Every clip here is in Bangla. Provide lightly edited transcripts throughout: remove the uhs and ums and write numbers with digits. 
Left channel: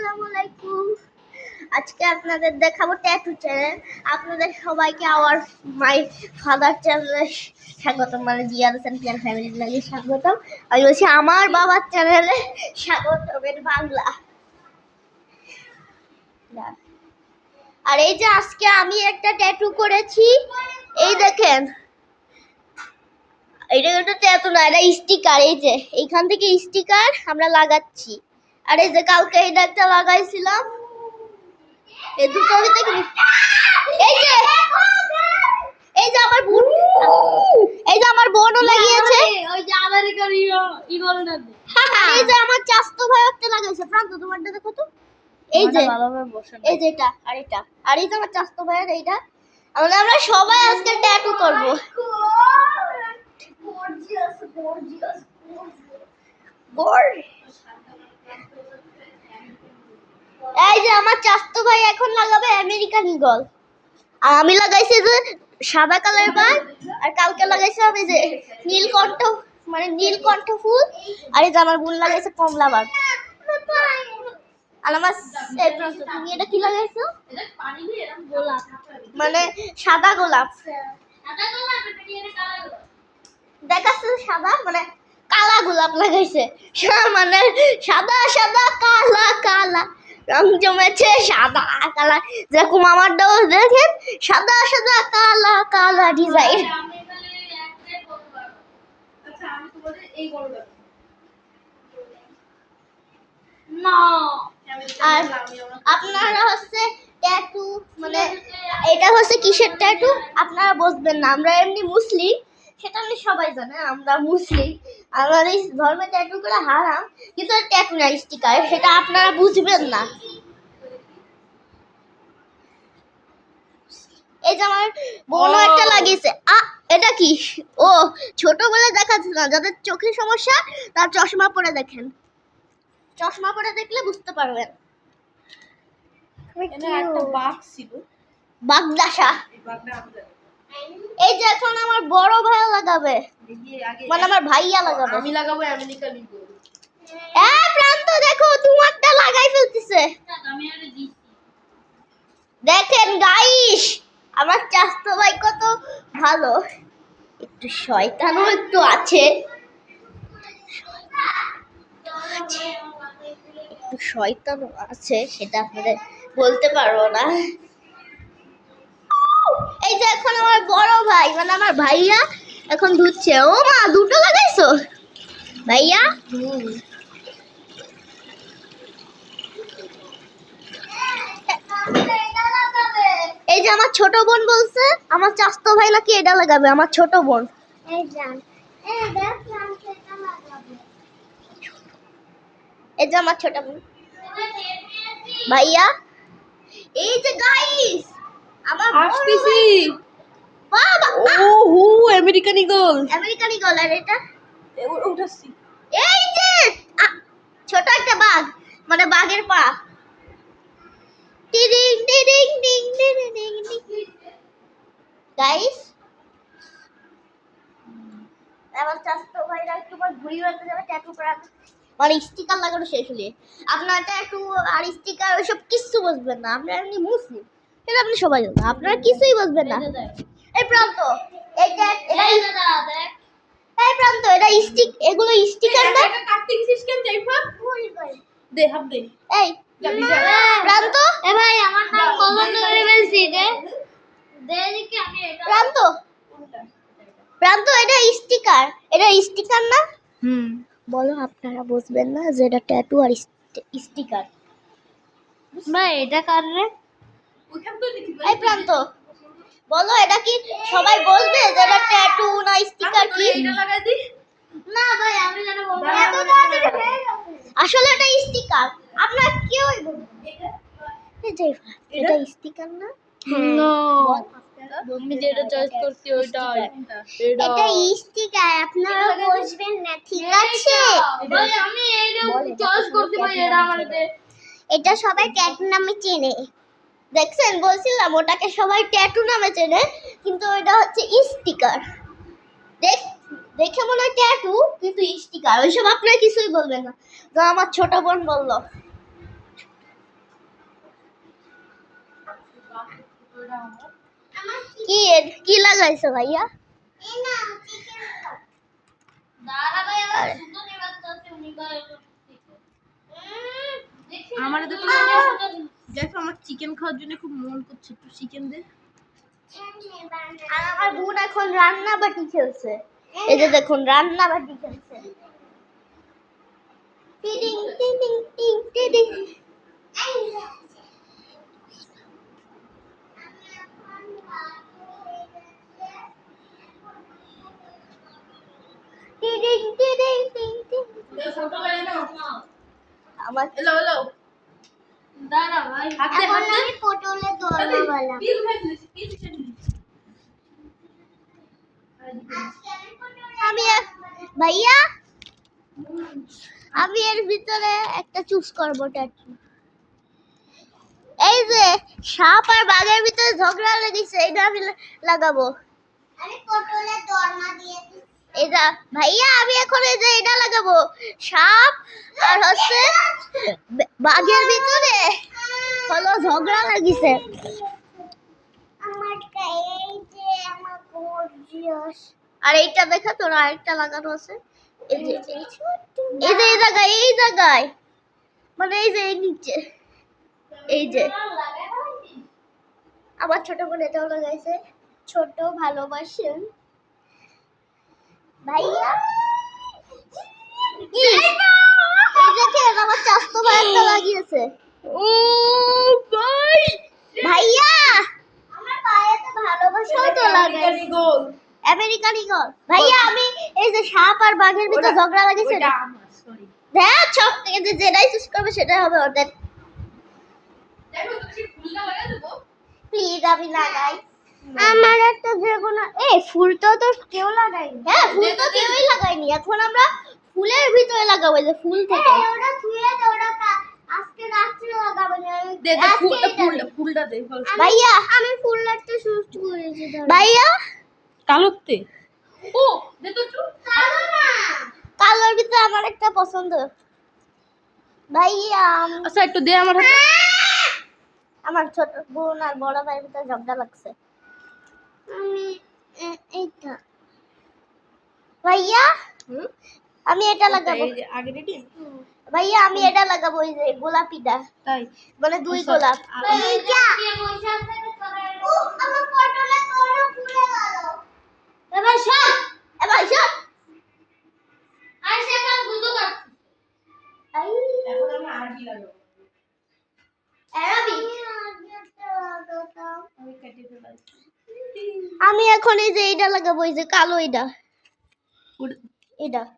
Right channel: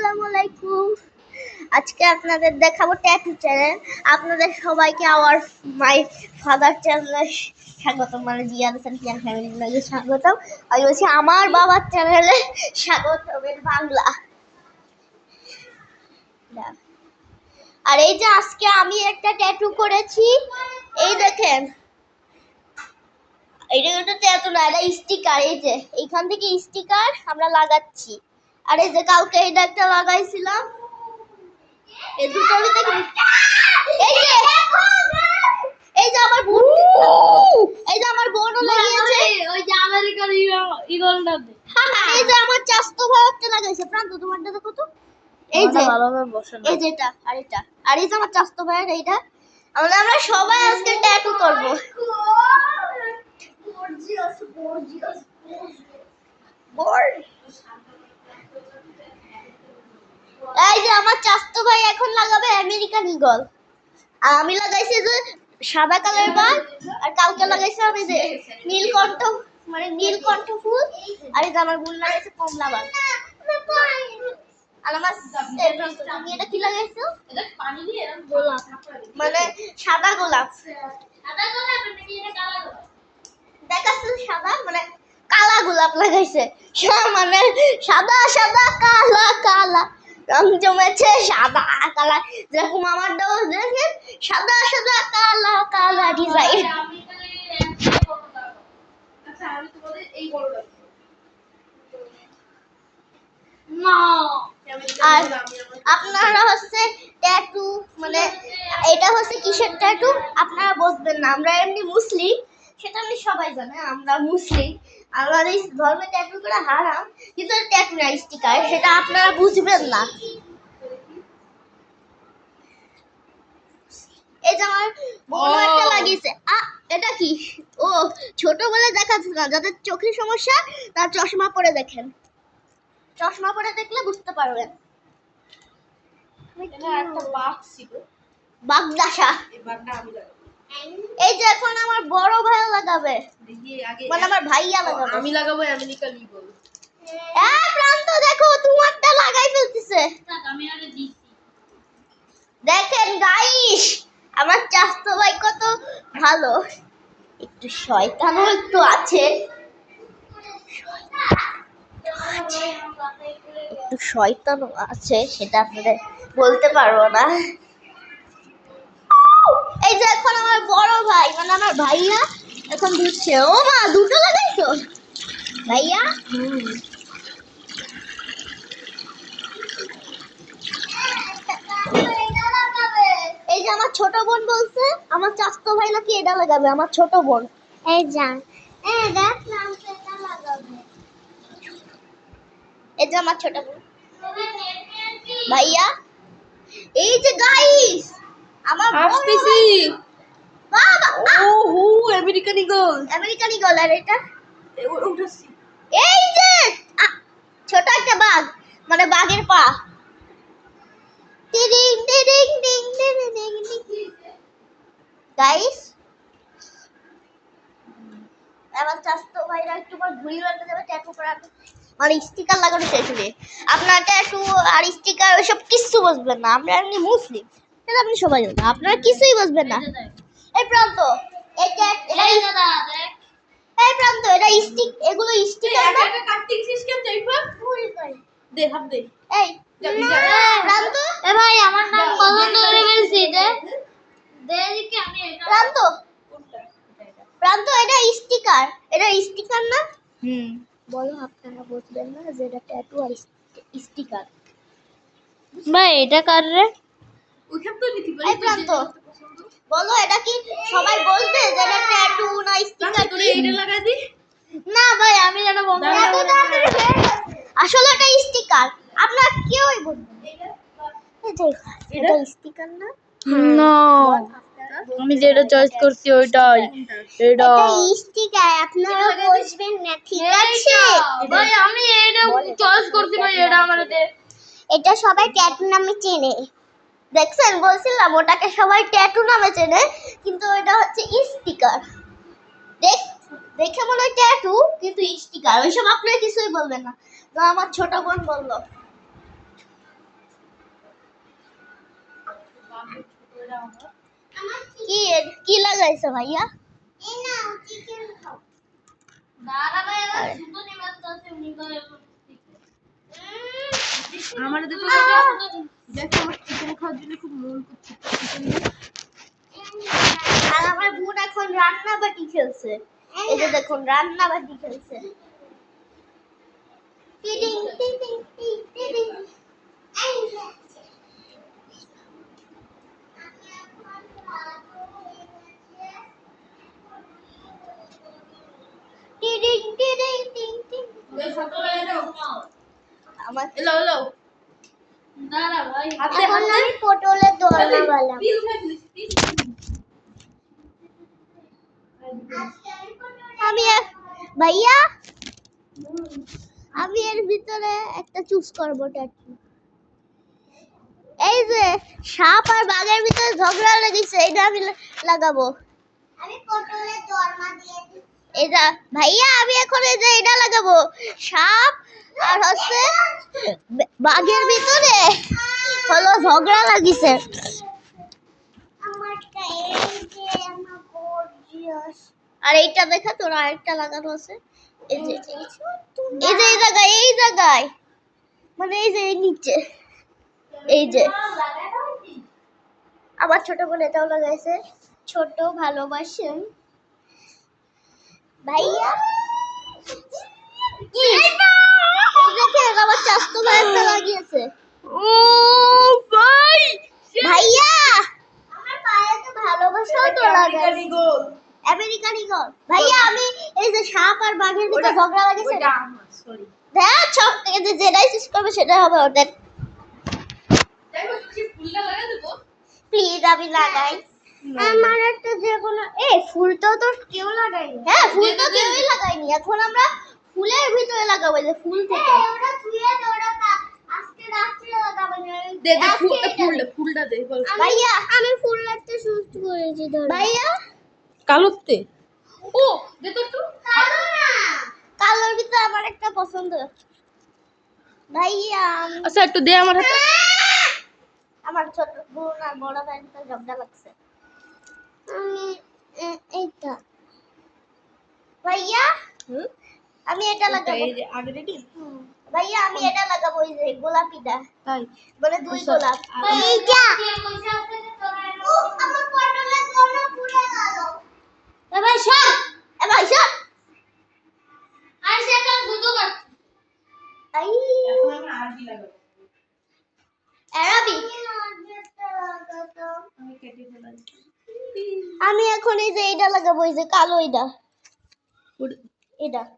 আসসালামু আলাইকুম। আজকে আপনাদের দেখাবো ট্যাটু চ্যানেল। আপনাদের সবাইকে আওয়ার মাই ফাদার চ্যানেলে স্বাগতম, মানে জিয়াদ হাসান পিয়ান ফ্যামিলি ব্লগে স্বাগতম। আমি বলছি আমার বাবার চ্যানেলে স্বাগতম, এর বাংলা। আর এই যে আজকে আমি একটা ট্যাটু করেছি, এই দেখেন। এটা কিন্তু ট্যাটু না, এটা স্টিকার। এই যে এইখান থেকে স্টিকার আমরা লাগাচ্ছি। আর এই যে কালকে এইটা একটা লাগাইছিলাম, এই দুটো ভিতরে এই যে আমার বোন, এই যে আমার বোনও লাগিয়েছে। ওই যে আমেরিকার ইগলটা এই যে আমার চাস্তো ভাই একটা লাগাইছে। প্রান্ত তোমারটা দেখো তো, এই যে ভালোভাবে বসে না। এই যে এটা আর এটা, আর এই যে আমার চাস্তো ভাইয়ের এইটা। আমরা সবাই আজকে ট্যাটু করব। এই যে আমার চাস্তো ভাই এখন লাগাবে আমেরিকান ঈগল, আর আমি লাগাইছি যে সাদা কালার বার, আর কালকে লাগাইছি আমি যে নীলকণ্ঠ, মানে নীলকণ্ঠ ফুল। আর এই যে আমার বোন লাগাইছে কমলা বার। আর আমার তুমি এটা কি লাগাইছো? গোলাপ, মানে সাদা গোলাপ। দেখাচ্ছে সাদা, মানে কালা গোলাপ লাগাইছে। মানে সাদা সাদা কালা কালা রং জমেছে সাদা কালা, যেরকম আমারটাও দেখেন সাদা সাদা কালা কালা ডিজাইন। আর আপনারা হচ্ছে ট্যাটু, মানে এটা হচ্ছে কিসের ট্যাটু আপনারা বুঝবেন না। আমরা এমনি মুসলিম, সেটা আমি সবাই জানে, আমরা মুসলিম। আমাদের ধর্মে ট্যাটু করা হারাম, কিন্তু ট্যাটু না, স্টিকার, সেটা আপনারা বুঝবেন না। এই যে আমার বোনও একটা লাগিয়েছে। এটা কি? ও ছোটবেলা দেখাচ্ছে না, যাদের চোখের সমস্যা তার চশমা পরে দেখেন, চশমা পরে দেখলে বুঝতে পারবেন। একটা বাঘ ছিল, বাগদাসা। এই যে এখন আমার বড় ভাইয়া লাগাবে, মানে আমার ভাইয়া লাগাবে। আমি লাগাবো আমেরিকান ঈগল। প্রান্ত দেখো তোমারটা লাগাই ফেলতেছে। আমি আরে দিছি। দেখেন গাইস, আমার চাস্তো ভাই কত ভালো। একটু শয়তানও একটু আছে, একটু শয়তানও আছে, সেটা আপনাদের বলতে পারবো না। এই যে এখন আমার বড় ভাই, মানে আমার ভাইয়া এখন ধুচ্ছে। ও মা, দুটো লাগাইছো ভাইয়া? এই যে আমার ছোট বোন বলছে আমার চাস্তো ভাই নাকি এটা লাগাবে, আমার ছোট বোন। এই যান, এই যে আমার ছোট বোন ভাইয়া। এই যে গাইস আমার আসতেছি। বাবা, ওহো আমেরিকান ঈগল। American eagle. আর এটা উঠাচ্ছি। এই যে ছোট একটা বাঘ, মানে বাঘের পা। টিডিং টিডিং টিং টিডিং টিং টিং। গাইস আমার চাস্তো ভাইরা একটু পর ঘুরি বেড়াতে যাবে ট্যাটু করা, মানে স্টিকার লাগানো শেষ হলে। আপনার ট্যাটু আর স্টিকার ওইসব কিছু বুঝবেন না, আমরা এমনি মুসলিম, সেটা আপনি সবাই জানেন, আপনারা কিছুই বুঝবেন না। এই প্রান্ত, এটা এই প্রান্ত, এটা স্টিক, এগুলো স্টিকার না। এটা কাটিং সিস্টেম চাইবা? দে হাত দে। এই প্রান্ত, এ ভাই আমার নাম পছন্দ করে ফেলছি এটা। দে দেখি আমি এটা। প্রান্ত, প্রান্ত, এটা স্টিকার, এটা স্টিকার না। বলো, আপনারা বুঝবেন না যে এটা ট্যাটু আর স্টিকার। ভাই এটা কার রে? ওইখান তো লিখি বলি। এই প্রান্ত, বলো এটা কি সবাই বলবে যে এটা ট্যাটু না স্টিকার? কি এটা লাগাই দি? না ভাই, আমি যেন বলবো এত তাড়াতাড়ি হয়ে গেছে। আসলে এটা স্টিকার, আপনারা কেউই বলবেন না। এই যে এটা স্টিকার না। না আমি যেটা চয়েস করছি ওইটাই। এটা স্টিকার, আপনারা বুঝবেন না, ঠিক আছে? ভাই আমি এটা চয়েস করছি ভাই, এটা আমাদের এটা সবাই ট্যাটু নামে চেনে। দেখছেন, বলছিলাম ওটাকে সবাই ট্যাটু নামে চেনে, কিন্তু এটা হচ্ছে স্টিকার। দেখে মনে হয় ট্যাটু, কিন্তু স্টিকার। ওইসব আপনারা কিছুই বলবেন না। তো আমার ছোট বোন বললো কি লাগাইছো ভাইয়া? আমার দেখো আমার চিকেন খাওয়ার জন্য খুব মন করছে চিকেন। আর আমার বোন এখন রান্না বাটি খেলছে। এই যে দেখুন রান্না বাটি খেলছে। টিডিং টিডিং টিং টিডিং। টিডিং টিডিং টিং টিং। আমার এলো দাঁড়া ভাই এখন আমি পটলের দোরমা বানাবো। ভাইয়া আমি এর ভিতরে একটা চুজ করবো ট্যাটু। এই যে সাপ আর বাঘের ভিতরে ঝগড়া লেগেছে, এটা আমি লাগাবো। আমি পটলের দোরমা দিয়েছি। এটা ভাইয়া আমি এখন এই যে এটা লাগাবো, সাপ আর হচ্ছে বাঘের ভিতরে হলো ঝগড়া লাগিছে। আমারটা এই যে আমার গর্জিয়াস। আর এইটা দেখা তোর আরেকটা লাগানো আছে। এই যে এই জায়গায় মানে এই যে নিচে এই যে আমার ছোট বোন এটাও লাগাইছে। ছোট ভালোবাসেন ভাইয়া। আমার চাস্তো ভাইটা লাগিয়েছে। ও ভাই ভাইয়া আমার পায়ে তো ভালোবাসাও তো লাগাইছে। American eagle. ভাইয়া আমি এই যে সাপ আর বাঘের ভিতর ঝগড়া লাগিয়েছে ওটা আমার সরি দেখ সব থেকে যেটাই চুজ করবে সেটা হবে ওদের। দেখো তুমি ফুলটা লাগা দেবো প্লিজ আমি লাগাই। আমার একটা যেকোনো ফুলটা তো কেউ লাগায়নি। হ্যাঁ ফুল তো কেউই লাগায়নি। এখন আমরা ফুলের ভিতরে লাগাবো, যে ফুল থেকে ওটা ধুয়ে দে, ওটা আজকে রাত্রে লাগাবো। দে ফুলটা দে ভাইয়া আমি ফুল লাগতে শুরু করেছি। ভাইয়া কালোতে ও দে তো একটু কালো না, কালোর ভিতরে আমার একটা পছন্দ। ভাইয়া আচ্ছা একটু দে আমার হাতে। আমার ছোট বোন আর বড় ভাইয়ের ভিতরে ঝগড়া লাগছে। আমি এইটা ভাইয়া আমি এটা লাগাবো। এই যে আগে রেডি ভাইয়া আমি এটা লাগাবো, ওই যে গোলাপিটা, তাই মানে দুই গোলাপ। এইটা আমার পটলের দোরমা পুড়ে গেল। এ ভাই সব আইসা কাল গুজো কাট। এখন আমি আরবি লাগাবো। আরবি আমি কেটে ফেলাইছি আমি এখন এই যে এটা লাগাবো, এই যে কালো এটা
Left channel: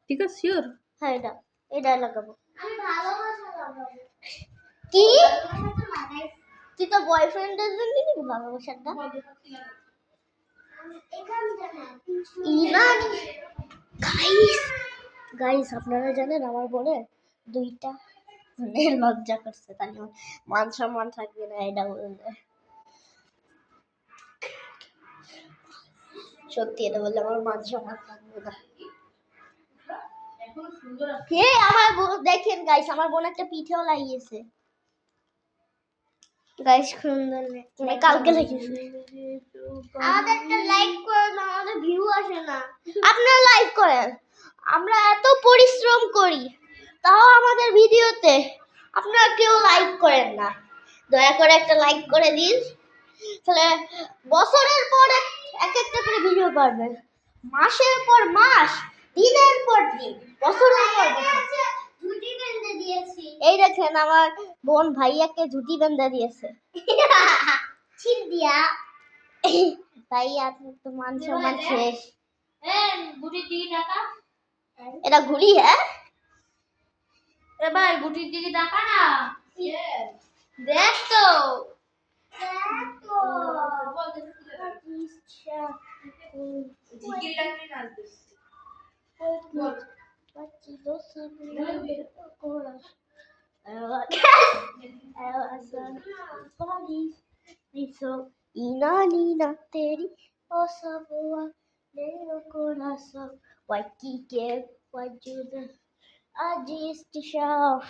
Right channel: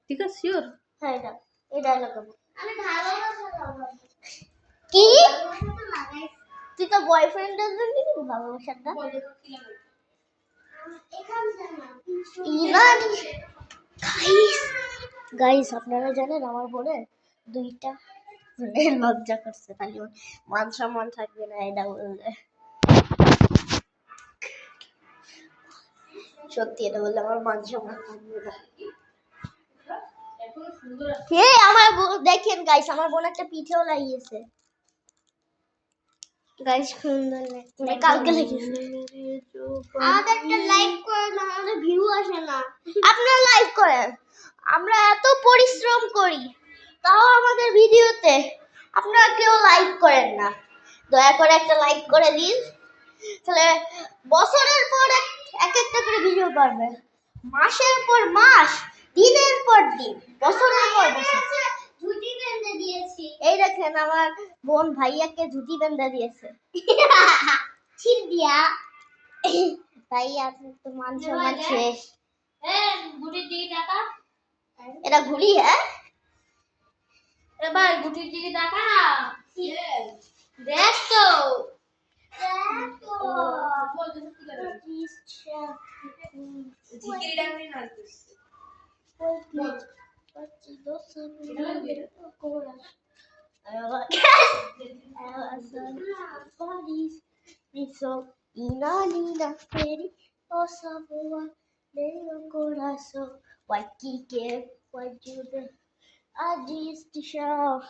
ঠিক আছে শিওর হ্যাঁ এটা লাগাবো। আমি ভালোবাসা লাগাবো। কি তুই তো বয়ফ্রেন্ডের জন্য নিবি ভালোবাসাটা? গাইস আপনারা জানেন আমার বোনে দুইটা মানে লজ্জা করছে, তাহলে মান সম্মান থাকবে না এটা বললে। সত্যি এটা বললে আমার মান সম্মান থাকবে না। আমার দেখেন গাইস আমার বোন একটা পিঠেও লাগিয়েছে। গাইস সুন্দর না কালকে লাগিয়েছে। আমাদেরটা লাইক করে না, আমাদের ভিউ আসে না। আপনারা লাইক করেন, আমরা এত পরিশ্রম করি তাও আমাদের ভিডিওতে আপনারা কেউ লাইক করেন না। দয়া করে একটা লাইক করে দিন, তাহলে বছরের পর এক একটা করে ভিডিও পারবে, মাসের পর মাস, দিনের পর দিন, বছরের পর বছর। ঝুটি বেঁধে দিয়েছি। এই দেখেন আমার বোন ভাইয়াকে ঝুটি বেঁধে দিয়েছে। ছিপ দিয়া। ভাইয়া আপনার তো মান সম্মান শেষ। গুটির দিকে টাকা এটা ঘুড়ি হ্যাঁ? এ ভাই গুটির দিকে টাকা না দেখ তো ঝিকিরি ডাকরি নাচতেছে Inanina peri osa voa nero coração vai que ajuda a destichar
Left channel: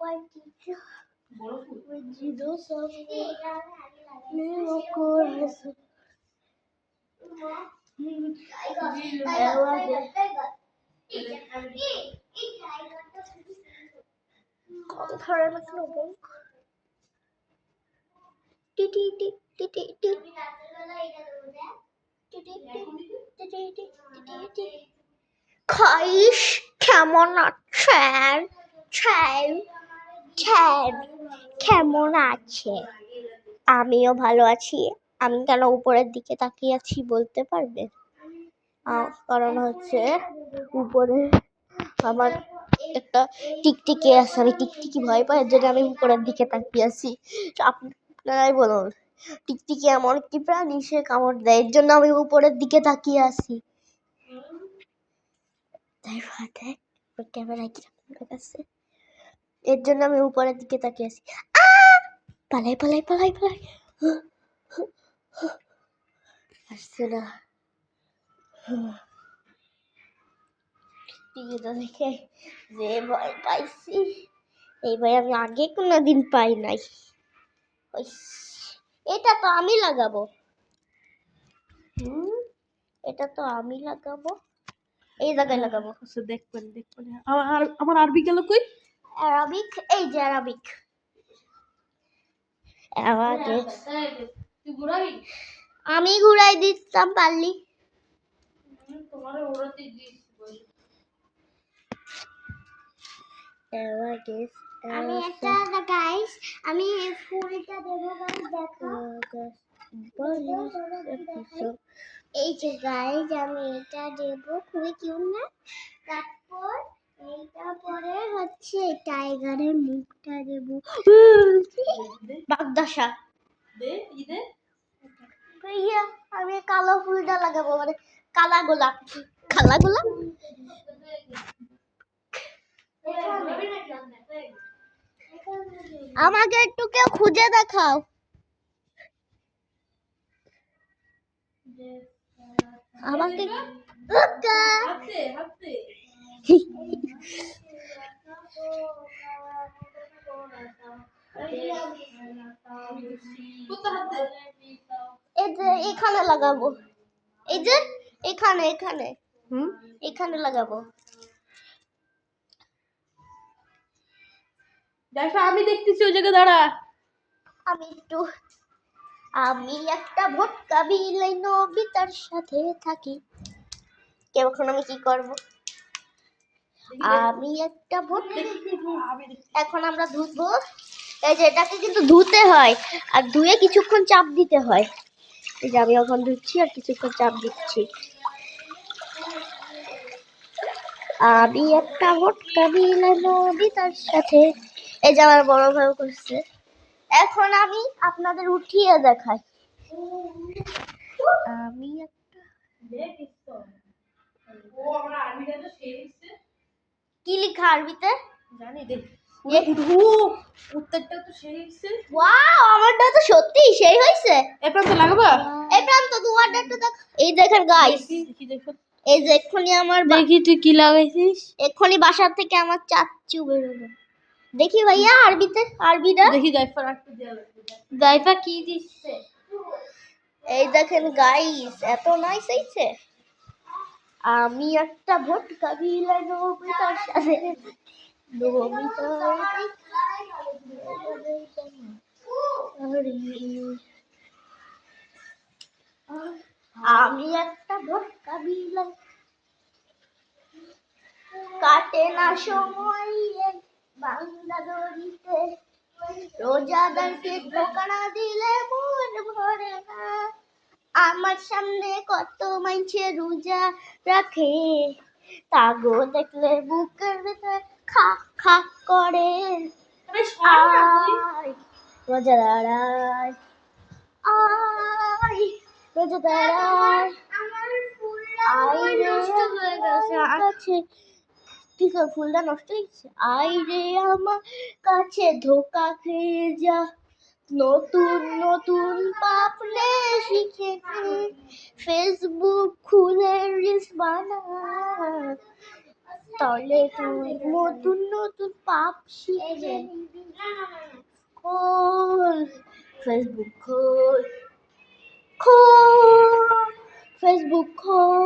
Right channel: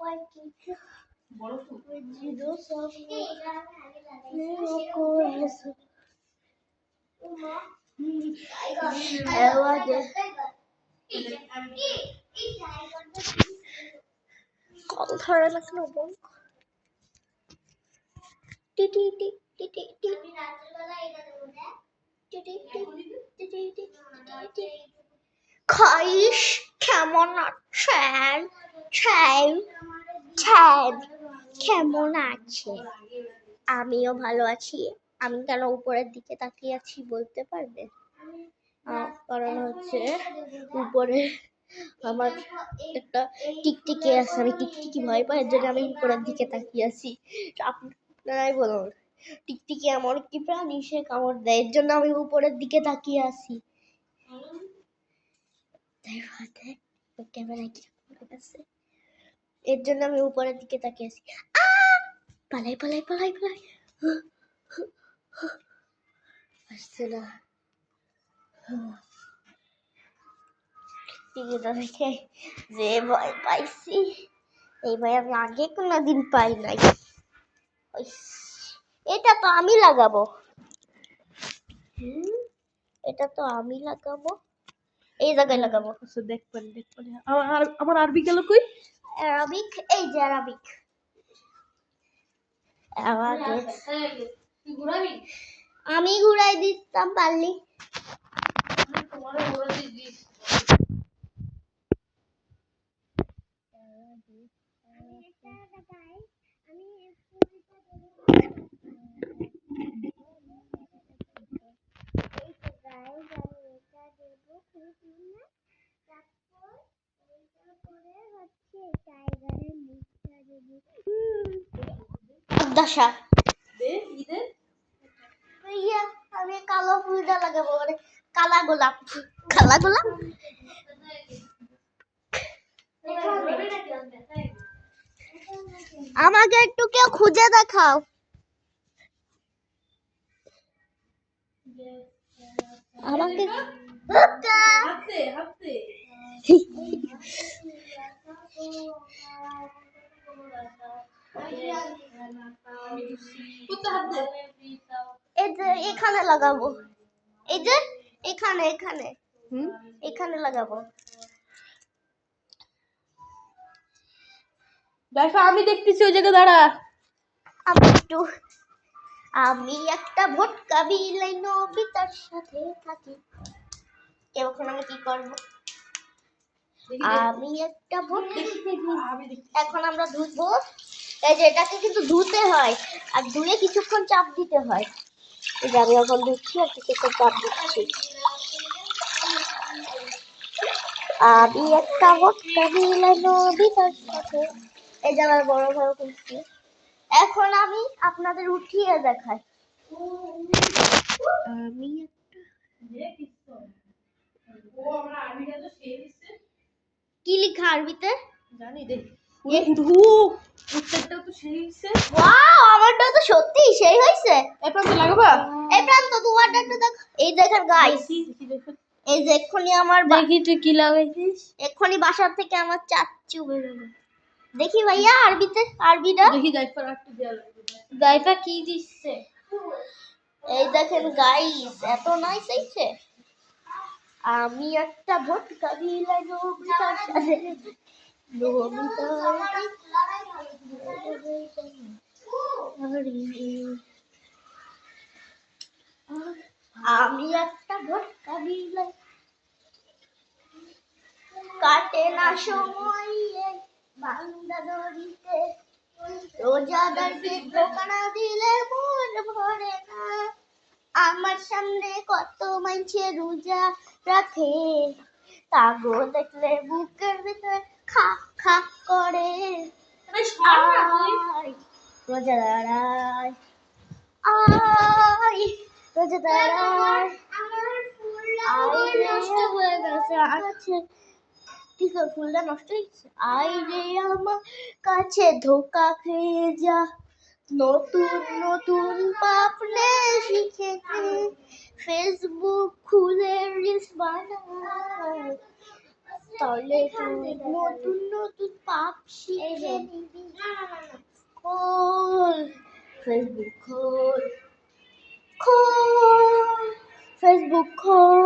vai que বড় ফুল vai de doce কল ধরে না কেন বোন? টিটি টি টিটি টি খাইস কেমন আছেন? ছ্যান ছ্যান কেমন আছে? আমিও ভালো আছি। আমি কেন উপরের দিকে তাকিয়ে আছি বলতে পারবে? কারণ হচ্ছে উপরে আমার একটা টিকটিকি আছে, আমি টিকটিকি ভয় পাই, এর জন্য আমি উপরের দিকে তাকিয়ে আছি। আপনারাই বলুন, টিকটিকি এমন একটি প্রাণী, সে কামড় দেয়, এর জন্য আমি উপরের দিকে তাকিয়ে আছি। তাই ভাতে ক্যামেরা কি আপনার কাছে, এর জন্য আমি উপরের দিকে তাকিয়ে আছি। পালাই পালাই পালাই পালাই, আসছে না। টিভিটা দেখে যে ভয় পাইছি, এই ভয় আমি আগে কোনোদিন পাই নাই। এটা তো আমি লাগাবো, এটা তো আমি লাগাবো, এই জায়গায় লাগাবো। দেখবেন আমার আরবি গেল কই? অ্যারাবিক, এই যে অ্যারাবিক। আমি ঘুরাই দিতাম পারলি। আমি এটা গাইস, আমি ফুলটা দেবো, দেখো এই যে গাইস, আমি এটা দেবো, খুবই কিউট না? তারপর এইটা পরে হচ্ছে টাইগারের মুখটা দেবো। বাগদাসা ভাইয়া, আমি কালো ফুলটা লাগাবো, মানে কালা গোলাপ। কালা গোলাপ আমাকে একটু কেউ খুঁজে দেখাও। আমাকে এই যে এখানে লাগাবো, এই যে এখানে এখানে এখানে লাগাবো। দেখো আমি দেখতেছি, ওই জায়গায় দাঁড়া। আমি একটা ভটকা বিলাই নবিতার সাথে থাকি। এখন আমি কি করব? আমি একটা ভটকা, এখন আমরা ধুবো। এই যে এটাকে কিন্তু ধুতে হয়, আর ধুয়ে কিছুক্ষণ চাপ দিতে হয়। এই যে আমি এখন ধুচ্ছি আর কিছুক্ষণ চাপ দিচ্ছি। আমি একটা ভটকা বিলাই নবিতার সাথে, এই যে আমার বড় ভাই করছে। এখন আমি আপনাদের উঠিয়ে দেখাই। আমি একটা কি লেখা আরবিতে জানি দেখ, উত্তরটা তো সেই হইছে। ওয়াও, আমারটা তো সত্যি সেই হইছে। এই প্রান্ত লাগাবা? এই প্রান্ত তোমারটা একটু দেখ। এই দেখেন গাইস, দেখি দেখো, এই যে এক্ষুনি আমার দেখি তুই কি লাগাইছিস। এক্ষুনি বাসার থেকে আমার চাচ্চু বেরোলো। দেখি ভাইয়া আরবিতে, আরবিটা দেখি জাইফার একটু দেয়া লাগবে। জাইফা কি দিচ্ছে? এই দেখেন গাইস, এত নাইস হইছে। আমি একটা ভটকা বিলাই নবিতার সাথে, আমি একটা ভটকা বিলাই, কাটে না সময় এই বান্দা দড়িতে, রোজাদারকে ধোকা না দিলে মন ভরে না। আমার সামনে কত মাইনছে রোজা রাখে, তাগো দেখলে বুকের ভিতরে খা খা করে। আয় রোজাদার আয়, আয় রোজাদার আয়। আয় নষ্ট হয়ে গেছে, ঠিক আছে, ফুলটা নষ্ট হয়েছে। আই রে আমার কাছে ধোকা খেয়ে যা, নতুন নতুন পাপ নে শিখে নে, ফেসবুক খুলে রিলস বানা, তাহলে তুই নতুন নতুন পাপ শিখে নিবি। ফেসবুক খোল খোল ফেসবুক খোল